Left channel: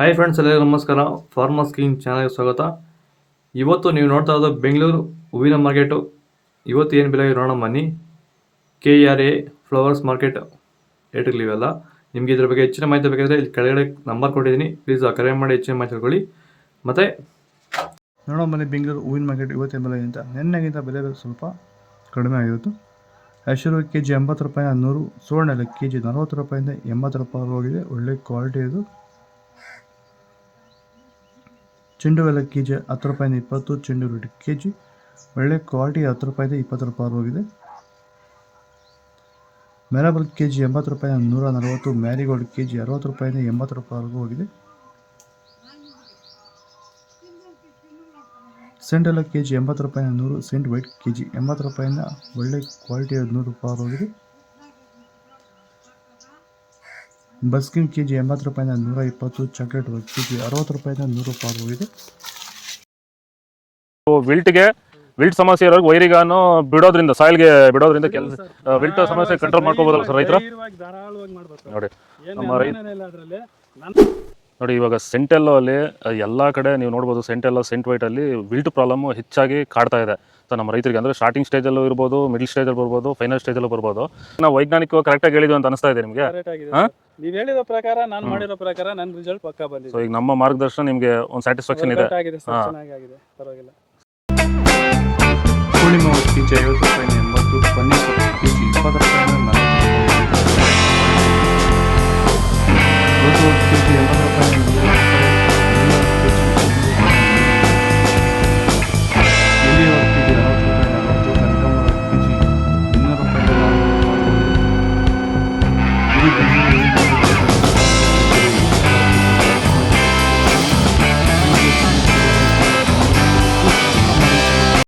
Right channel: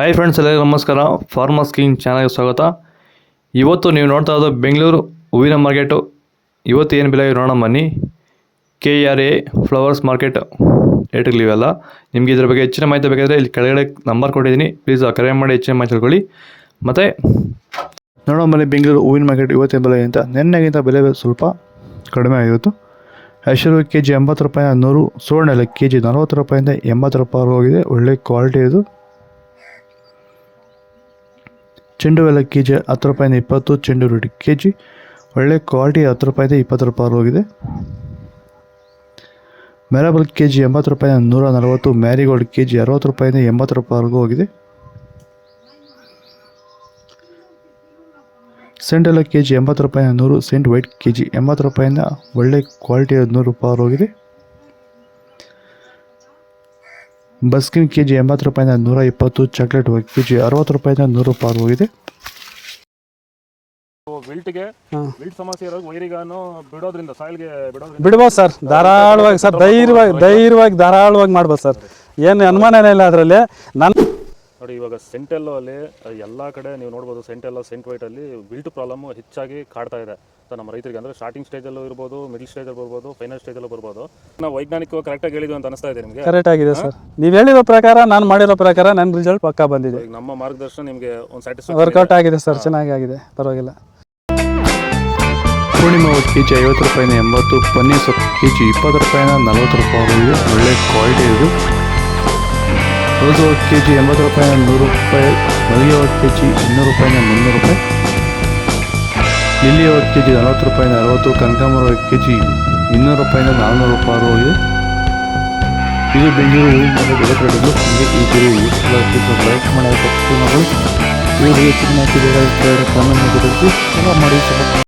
Hi friends, ಎಲ್ಲರಿಗೂ ನಮಸ್ಕಾರ. Farmers king ಚಾನಲ್ಗೆ ಸ್ವಾಗತ. ಇವತ್ತು ನೀವು ನೋಡ್ತಾ ಇರೋದು ಬೆಂಗಳೂರು ಹೂವಿನ ಮಾರ್ಕೆಟು. ಇವತ್ತು ಏನು ಬೆಲೆ ನೋಡೋಣ ಬನ್ನಿ. KRA ಫ್ಲವರ್ಸ್ ಮಾರ್ಕೆಟ್ ರೇಟ್ಗಳಿವೆಲ್ಲ. ನಿಮಗೆ ಇದ್ರ ಬಗ್ಗೆ ಹೆಚ್ಚಿನ ಮಾಹಿತಿ ಬೇಕಾದರೆ ಇಲ್ಲಿ ಕೆಳಗಡೆ ನಂಬರ್ ಕೊಟ್ಟಿದ್ದೀನಿ, ಪ್ಲೀಸ್ ಕರೆ ಮಾಡಿ ಹೆಚ್ಚಿನ ಮಾಹಿತಿ ತಿಳ್ಕೊಳ್ಳಿ. ಮತ್ತು ನೋಡೋಣ ಬನ್ನಿ ಬೆಂಗಳೂರು ಹೂವಿನ ಮಾರ್ಕೆಟ್ ಇವತ್ತಿನ ಬೆಲೆ ಅಂತ. ನಿನ್ನೆಗಿಂತ ಬೆಲೆ ಸ್ವಲ್ಪ ಕಡಿಮೆ ಆಗಿತ್ತು. ಐಶ್ವರ್ಯ KG 80 ರೂಪಾಯಿ 100, ಸುವರ್ಣ ಎಲ್ಲ KG 40 ರೂಪಾಯಿಂದ 80 ರೂಪಾಯಿ ಹೋಗಿದೆ. ಒಳ್ಳೆ ಕ್ವಾಲಿಟಿ ಇದು. ಚೆಂಡು ಎಲ್ಲ KG 10 ರೂಪಾಯಿಂದ 20, ಚೆಂಡು ರೇಟ್ KG ಒಳ್ಳೆ ಕ್ವಾಲಿಟಿ 10 ರೂಪಾಯಿಂದ 20 ರೂಪಾಯಿ ಹೋಗಿದೆ. ಮ್ಯಾರಬಲ್ KG 80 ರೂಪಾಯಿಂದ 140, ಮ್ಯಾರಿಗೋಲ್ಡ್ KG 60 ರೂಪಾಯಿಂದ 80 ರೂಪಾಯಿವರೆಗೂ ಹೋಗಿದೆ. ಸೆಂಟ್ ಎಲ್ಲ KG 80 ರೂಪಾಯಿಂದ 100, ಸೆಂಟ್ ವೈಟ್ KG 80 ರೂಪಾಯಿಂದ ಒಳ್ಳೆ ಕ್ವಾಲಿಟಿ 100 ರೂಪಾಯಿ ಹೋಗಿದೆ. ಬಸ್ಕಿನ್ KG 80 ರೂಪಾಯಿಂದ 120, ಚಾಕ್ಲೇಟ್ KG 60 ರೂಪಾಯಿಂದ 100 ರೂಪಾಯಿ ಹೋಗಿದೆ. ವಿಲ್ಟ್ ಸಮಸ್ಯೆ ಇರೋರಿಗೆ ವೈರಿಗಾನು ಬಿಡೋದ್ರಿಂದ ಸಾಯಿಲ್ಗೆ ಬಿಡ್ಬೋದು ಸರ್. ಧಾರಾಳವಾಗಿ ಸರ್, ಧಾರಾಳವಾಗಿ ಮಾಡ್ಬೋದು ಸರ್. ಏನು ಅನುಮಾನನೇ ಇಲ್ಲ ಅದರಲ್ಲಿ. ನೋಡಿ, ಇವಾಗ ಸೆಂಟೆಲ್ಲೋ ಅಲ್ಲಿ ಎಲ್ಲ ಕಡೆ ನೀವು ನೋಡ್ಬೋದು, ಸೆಂಟೆಲ್ಲೋ ಸೆಂಟ್ ವೈಟ್ ಅಲ್ಲಿ ವಿಲ್ಟ್ ಪ್ರಾಬ್ಲಮ್ ಹೆಚ್ಚಾಗಿ ಕಾಡ್ತಾ ಇದೆ. ನಮ್ಮ ರೈತರಿಗೆ ಅಂದ್ರೆ ಸ್ಟಾರ್ಟಿಂಗ್ ಸ್ಟೇಜಲ್ಲೂ ಇರ್ಬೋದು, ಮಿಡಲ್ ಸ್ಟೇಜಲ್ಲಿ ಬರ್ಬೋದು, ಫೈನಲ್ ಸ್ಟೇಜಲ್ಲೂ ಬರ್ಬೋದು. ನಾವು ವೈಜ್ಞಾನಿಕವಾಗಿ ಕರೆಕ್ಟಾಗಿ ಹೇಳಿದ್ವಿ ಅಂತ ಅನಿಸ್ತಾ ಇದೆ ನಿಮಗೆ? ಕರೆಕ್ಟ್ ಆಗಿದೆ ಸರ್. ನೀವು ಹೇಳಿರೋ ಪ್ರಕಾರ, ನಾನು ಮಾಡಿರೋ ಪ್ರಕಾರ ನನ್ನ ರಿಸಲ್ಟ್ ಪಕ್ಕಾ ಬಂದಿದೆ. ಈಗ ನಮ್ಮ ಮಾರ್ಗದರ್ಶನ ನಿಮಗೆ ಒಂದು ಸ್ಯಾಟಿಸ್ಫ್ಯಾಕ್ಷನ್ ವರ್ಕೌಟ್ ಆಗಿದೆ ಸರ್, ಚೆನ್ನಾಗಿ ಆಗಿದೆ, ಪರವಾಗಿಲ್ಲ. ಪೂರ್ಣಿಮಾ KG 50 ರೂಪಾಯಿಂದ 80, ಪನ್ನೀರ್ ಸೊಪ್ಪು KG 20 ರೂಪಾಯಿಂದ 40 ರೂಪಾಯಿ ಒಳ್ಳೆ ಕ್ವಾಲಿಟಿ ಇದೆ. ರೋಜು KG 80 ರೂಪಾಯಿಂದ 100 ರೂಪಾಯಿ, ಮರಿಯೋ KG 200 ರೂಪಾಯಿಂದ 300 ರೂಪಾಯಿ, ಲಿಲಿಯೋ KG 40 ರೂಪಾಯಿಂದ 60, ಕನಕಾಂಬರ KG 200 ರೂಪಾಯಿಂದ 400 ರೂಪಾಯಿ ಹೋಗಿದೆ. ಇದು ಬೆಂಗಳೂರು